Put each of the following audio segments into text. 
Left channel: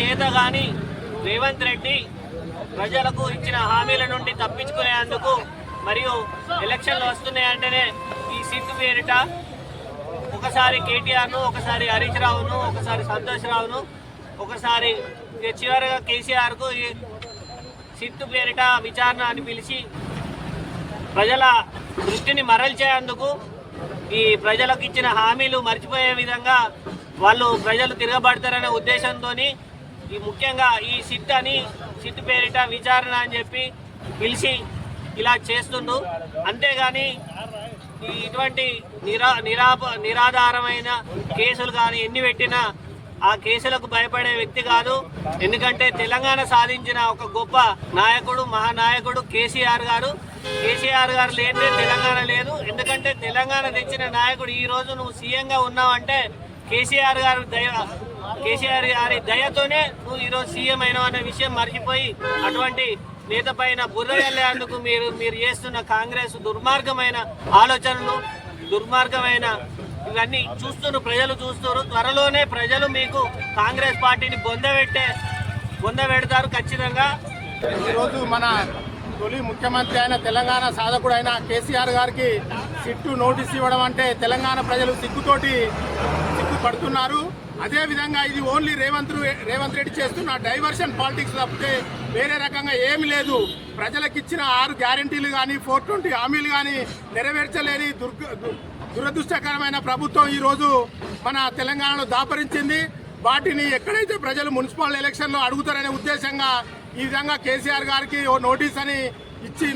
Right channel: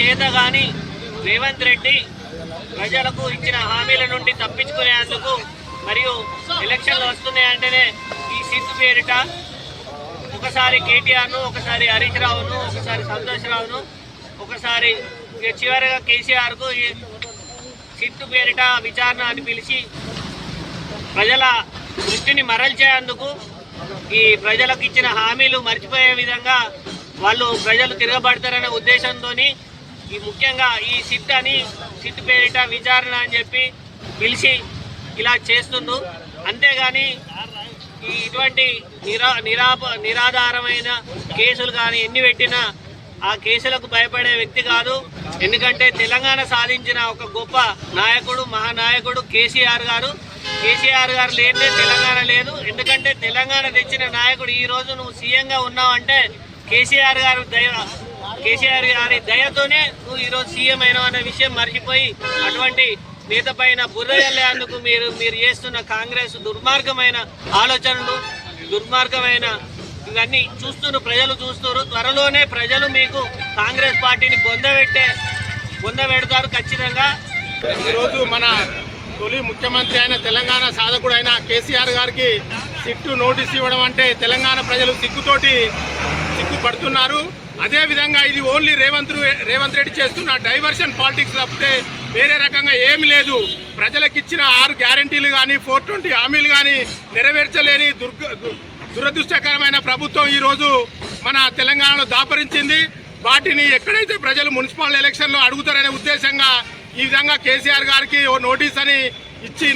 చేతగాని రేవంత్ రెడ్డి ప్రజలకు ఇచ్చిన హామీల నుండి తప్పించుకునేందుకు మరియు ఎలక్షన్లు వస్తున్నాయంటేనే ఈ సిట్ పేరిట ఒకసారి కేటీఆర్ను, ఒకసారి హరీష్ రావును, ఒకసారి సంతోష్ రావును, ఒకసారి చివరిగా కేసీఆర్కు ఈ సిట్ పేరిట విచారణ అని పిలిచి ప్రజల దృష్టిని మరల్చేందుకు ఈ ప్రజలకు ఇచ్చిన హామీలు మర్చిపోయే విధంగా వాళ్ళు ప్రజలు తిరగబడతారనే ఉద్దేశంతో ఈ ముఖ్యంగా ఈ సిట్ పేరిట విచారణ అని చెప్పి పిలిచి ఇలా చేస్తుండ్రు. అంతేగాని ఇటువంటి నిరాధారమైన కేసులు కానీ ఎన్ని పెట్టినా ఆ కేసులకు భయపడే వ్యక్తి కాదు. ఎందుకంటే తెలంగాణ సాధించిన ఒక గొప్ప నాయకుడు, మహానాయకుడు కేసీఆర్ గారు. కేసీఆర్ గారు లేదే తెలంగాణ లేదు. ఎందుకంటే తెలంగాణ తెచ్చిన నాయకుడు ఈరోజు నువ్వు సీఎంగా ఉన్నావంటే కేసీఆర్ గారి దయతోనే నువ్వు ఈరోజు సీఎం అయినావు అనే విషయం మర్చిపోయి అటువంటి నేత పైన బుర్ర జల్లేందుకు మీరు చేస్తున్న కాంగ్రెస్ దుర్మార్గమైన ఆలోచనలు, దుర్మార్గమైన ఇవన్నీ ప్రజలు చూస్తున్నారు. త్వరలోనే ప్రజలు మీకు కాంగ్రెస్ పార్టీని బొందబెడతారు ఖచ్చితంగా. ఈరోజు మన తొలి ముఖ్యమంత్రి అయిన తెలంగాణ సాధకుడు అయిన కేసీఆర్ గారికి సిట్టు నోటీస్ ఇవ్వడం అంటే తెలంగాణ ప్రజలు సిగ్గుపడుతున్నారు. అదేవిధంగా ఇది ఓన్లీ రేవంత్ రెడ్డి చేస్తున్న డైవర్షన్ పాలిటిక్స్ తప్పితే వేరే రకంగా ఏమి లేదు. ప్రజలకు ఇచ్చిన 6 గ్యారంటీలు కానీ 420 హామీలు కానీ నెరవేర్చలేని దురదృష్టకరమైన ప్రభుత్వం ఈరోజు మన తెలంగాణలో దాపరించింది. వాటిని ఎక్కడైతే ప్రజలు మున్సిపల్ ఎలక్షన్లో అడుగుతారనే ఉద్దేశంగా ఈ విధంగా కేసీఆర్ గారికి ఓ నోటీస్ అని ఇచ్చి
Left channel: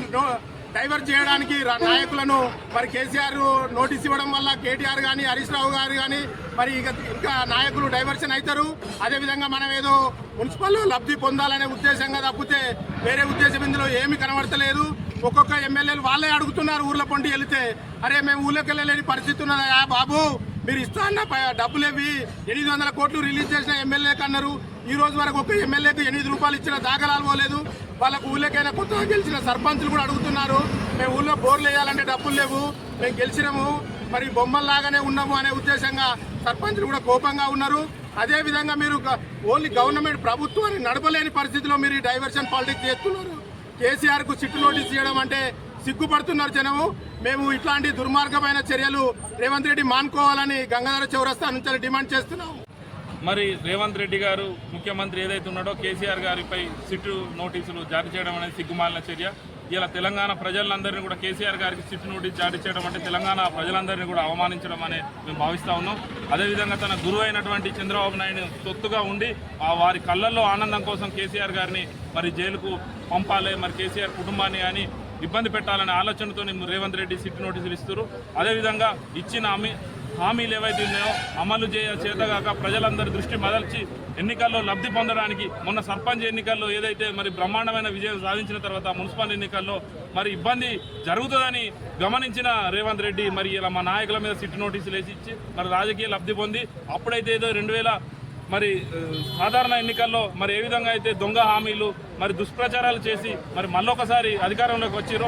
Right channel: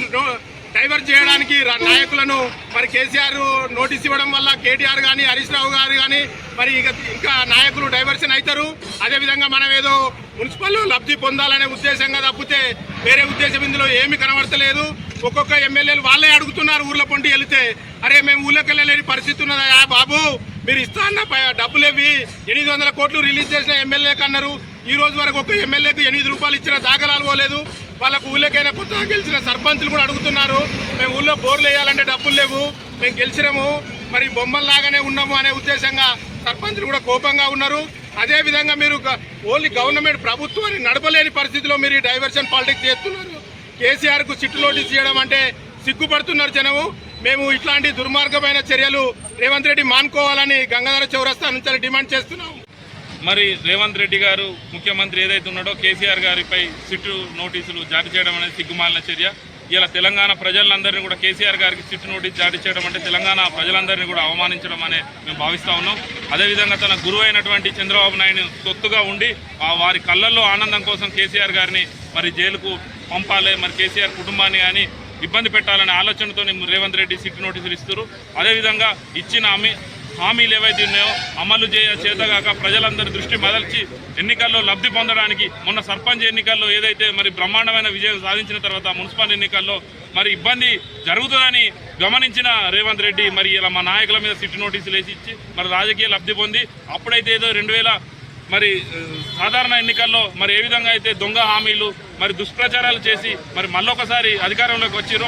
డైవర్ట్ చేయడానికి నాయకులను మరి కేసీఆర్ నోటీస్ ఇవ్వడం వల్ల కేటీఆర్ కానీ హరీష్ రావు గారు కానీ మరి ఇంకా నాయకులు డైవర్షన్ అవుతారు. అదేవిధంగా మనం ఏదో మున్సిపల్ లబ్ధి పొందాలనే ఉద్దేశంగా తప్పితే వేరే ఉద్దేశం ఇందులో ఏమీ కనబడతలేదు. ఒక్కొక్క ఎమ్మెల్యేలు వాళ్ళే అడుగుతున్నారు ఊర్ల పొంటి వెళితే, అరే మేము ఊళ్ళోకి వెళ్ళలేని పరిస్థితి ఉన్నదా బాబు, మీరు ఇస్తా అన్న డబ్బులు ఇవి 800 కోట్లు రిలీజ్ చేసిన ఎమ్మెల్యేకి అన్నారు. ఈ రోజు వరకు ఒక ఎమ్మెల్యేకి 8 రూపాయలు ఇచ్చిన దాఖలాలు పోలేదు. వాళ్ళకు ఊళ్ళకైనా కొత్తగా గెలిచిన సర్పంచులు కూడా అడుగుతున్నారు, మేము ఊళ్ళో బోర్లు వేయాలంటే డబ్బులు లేవు, మేము గెలిచినాము మరి బొమ్మల్లాగానే ఉన్నాము అనే ఉద్దేశంగా సర్పంచులు కూడా కోపంగా ఉన్నారు. అదేవిధంగా మీరు ఓన్లీ గవర్నమెంట్ ప్రభుత్వాన్ని నడపలేని పరిస్థితిలో మీరు డైవర్షన్ పాలిటిక్స్ చేస్తున్నారు. కేసీఆర్కు సిట్టు నోటీస్ చేయడం అంటే సిగ్గుపడుతున్నారు జనము. మేము ఇట్లాంటి దుర్మార్గమైన చర్యలు రేవంత్ రెడ్డి మానుకోవాలని గంగాధర చౌరస్తా నుంచి డిమాండ్ చేస్తున్నాం. మరి రేవంత్ రెడ్డి గారు ముఖ్యమంత్రి ఏదైతే ఉన్నాడో కేసీఆర్ గారిపై సిట్టు నోటీసులు జారీ చేయడం అనేది సిగ్గుమాలిన చర్య. ఇలా తెలంగాణ ప్రజలందరినీ కూడా కేసీఆర్ గారికి సిట్టు నోటీస్ జారీ చేయడం అంటే తెలంగాణ ప్రజలందరినీ కూడా అవమానించడం అనే మేము భావిస్తూ ఉన్నాం. అదేవిధంగా తన గురువు అయినటువంటి చంద్రబాబు నాయుడు తొత్తుగా ఉండి వారి కళ్ళల్లో ఆనందం కోసం కేసీఆర్ గారిని మరి జైలుకు పంపాలి, మరి కేసీఆర్ కుటుంబాన్ని కానీ ఇబ్బంది పెట్టాలనే ఆలోచనతో రేవంత్ రెడ్డి సిట్టు నోటీసులు ఇస్తారు. అదేవిధంగా ఇచ్చిన హామీలు ఏవైతే ఉన్నాయో అమలు చేతగాక ప్రజలందరి దృష్టి మదల్చి ఎన్నికల్లో లబ్ధి పొందడానికి మొన్న సర్పంచ్ ఎన్నికల్లో ఏదైతే మరి బ్రహ్మాండమైన విజయం సాధించిన తర్వాత మున్సిపల్ ఎన్నికల్లో మరి ఇబ్బంది జరుగుతుందని గమనించిన రేవంత్ రెడ్డి మరి ఇలా మా నాయకుల మీద సిట్టు నోటీసులు వేసి ఇచ్చి మరి రాజకీయ లబ్ధి పొంది అప్పుడైతే ఏదో 2000 మరి సాధారణ ఎన్నికల్లో మరి ఏ విధంగా అయితే దొంగ హామీలు మరి దుష్ప్రచారాలు చేసి మరి మళ్ళొకసారి అధికారంలోకి వచ్చిరో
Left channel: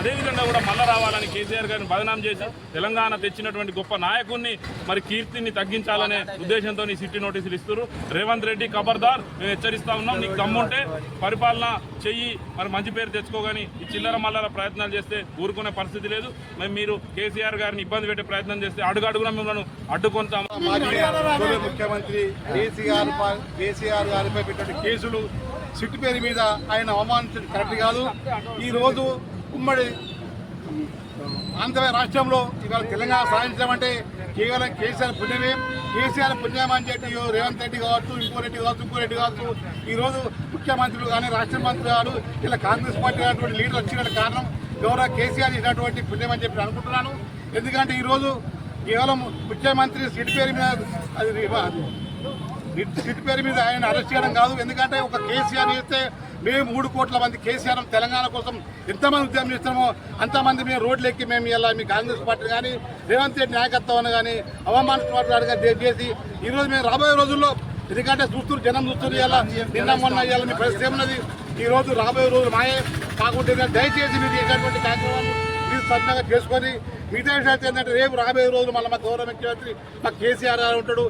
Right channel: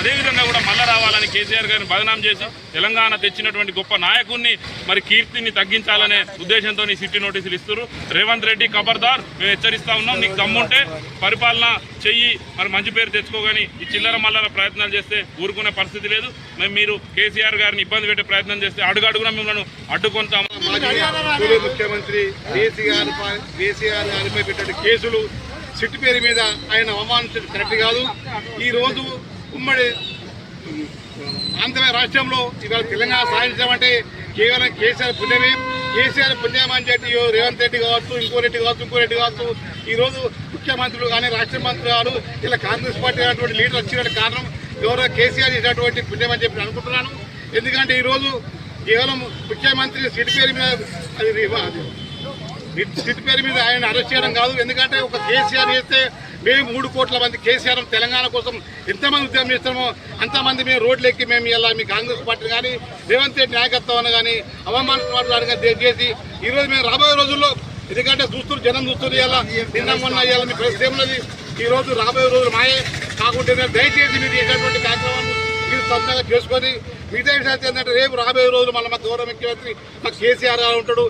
అదేవిధంగా కూడా మళ్ళీ రావాలని కేసీఆర్ గారిని బదనాం చేసి తెలంగాణ తెచ్చినటువంటి గొప్ప నాయకుడిని మరి కీర్తిని తగ్గించాలనే ఉద్దేశంతో సిట్టు నోటీసులు ఇస్తారు. రేవంత్ రెడ్డి ఖబర్దార్, మేము హెచ్చరిస్తా ఉన్నాం, నీకు దమ్ముంటే పరిపాలన చెయ్యి, మరి మంచి పేరు తెచ్చుకోగాని ఈ చిల్లర మల్లర ప్రయత్నాలు చేస్తే ఊరుకునే పరిస్థితి లేదు. మరి మీరు కేసీఆర్ గారిని ఇబ్బంది పెట్టే ప్రయత్నం చేస్తే అడుగడుగున మిమ్మల్ని అడ్డుకుంటాము. ముఖ్యమంత్రి కేసీఆర్ గారిపై పెట్టే కేసులు సిట్టు పేరు మీద ఆయన అవమానించడం కరెక్ట్ కాదు. ఈరోజు ఉమ్మడి ఆంధ్ర రాష్ట్రంలో ఇవాళ తెలంగాణ సాధించామంటే కేవలం కేసీఆర్ పుణ్యమే. కేసీఆర్ పుణ్యం అని చెప్పి రేవంత్ రెడ్డి కావచ్చు, ఇంకో రెడ్డి కావచ్చు ఈరోజు ముఖ్యమంత్రులు కానీ రాష్ట్ర మంత్రులు గారు ఇలా కాంగ్రెస్ పార్టీ అనేటువంటి లీడర్ వచ్చిన కారణం గౌరవ కేసీఆర్ చేసినటువంటి పుణ్యం అని చెప్పి అనుకుంటున్నాను. ఎందుకంటే ఈరోజు కేవలం ముఖ్యమంత్రి సిట్టు పేరు మీద ఆయన అరెస్ట్ చేయడం కాదు. ఎందుకంటే ఒక కేసీఆర్ చేస్తే మేము 3 కోట్ల మంది కేసీఆర్ తెలంగాణ కోసం ఎంతమంది ఉద్యమం చేస్తామో అంతమంది మేము రోడ్లు ఎక్కి మేము ఇలా మీ కాంగ్రెస్ పార్టీ కానీ రేవంత్ రెడ్డి నాయకత్వం కానీ అవమానించడం చేసి ఈరోజు మేము రాబోయే రోజుల్లో, ఎందుకంటే జనం చూస్తున్నారు ఇలా నిన్న మొన్న ఇవాళ మీ పరిస్థితి ఉన్నది. ఈరోజు రాబోయే రోజులు మాయే కాకుంటే దయచేసి మీరు చేసినటువంటి కార్యక్రమాన్ని మీరు సొంతంగా చేసుకొని మిగతా విషయాలు ఏంటంటే రేపు రాబోయే రోజులు మళ్ళీ మా గౌరవ ముఖ్యమంత్రి మా కేసీఆర్ గారు ఉంటాడు.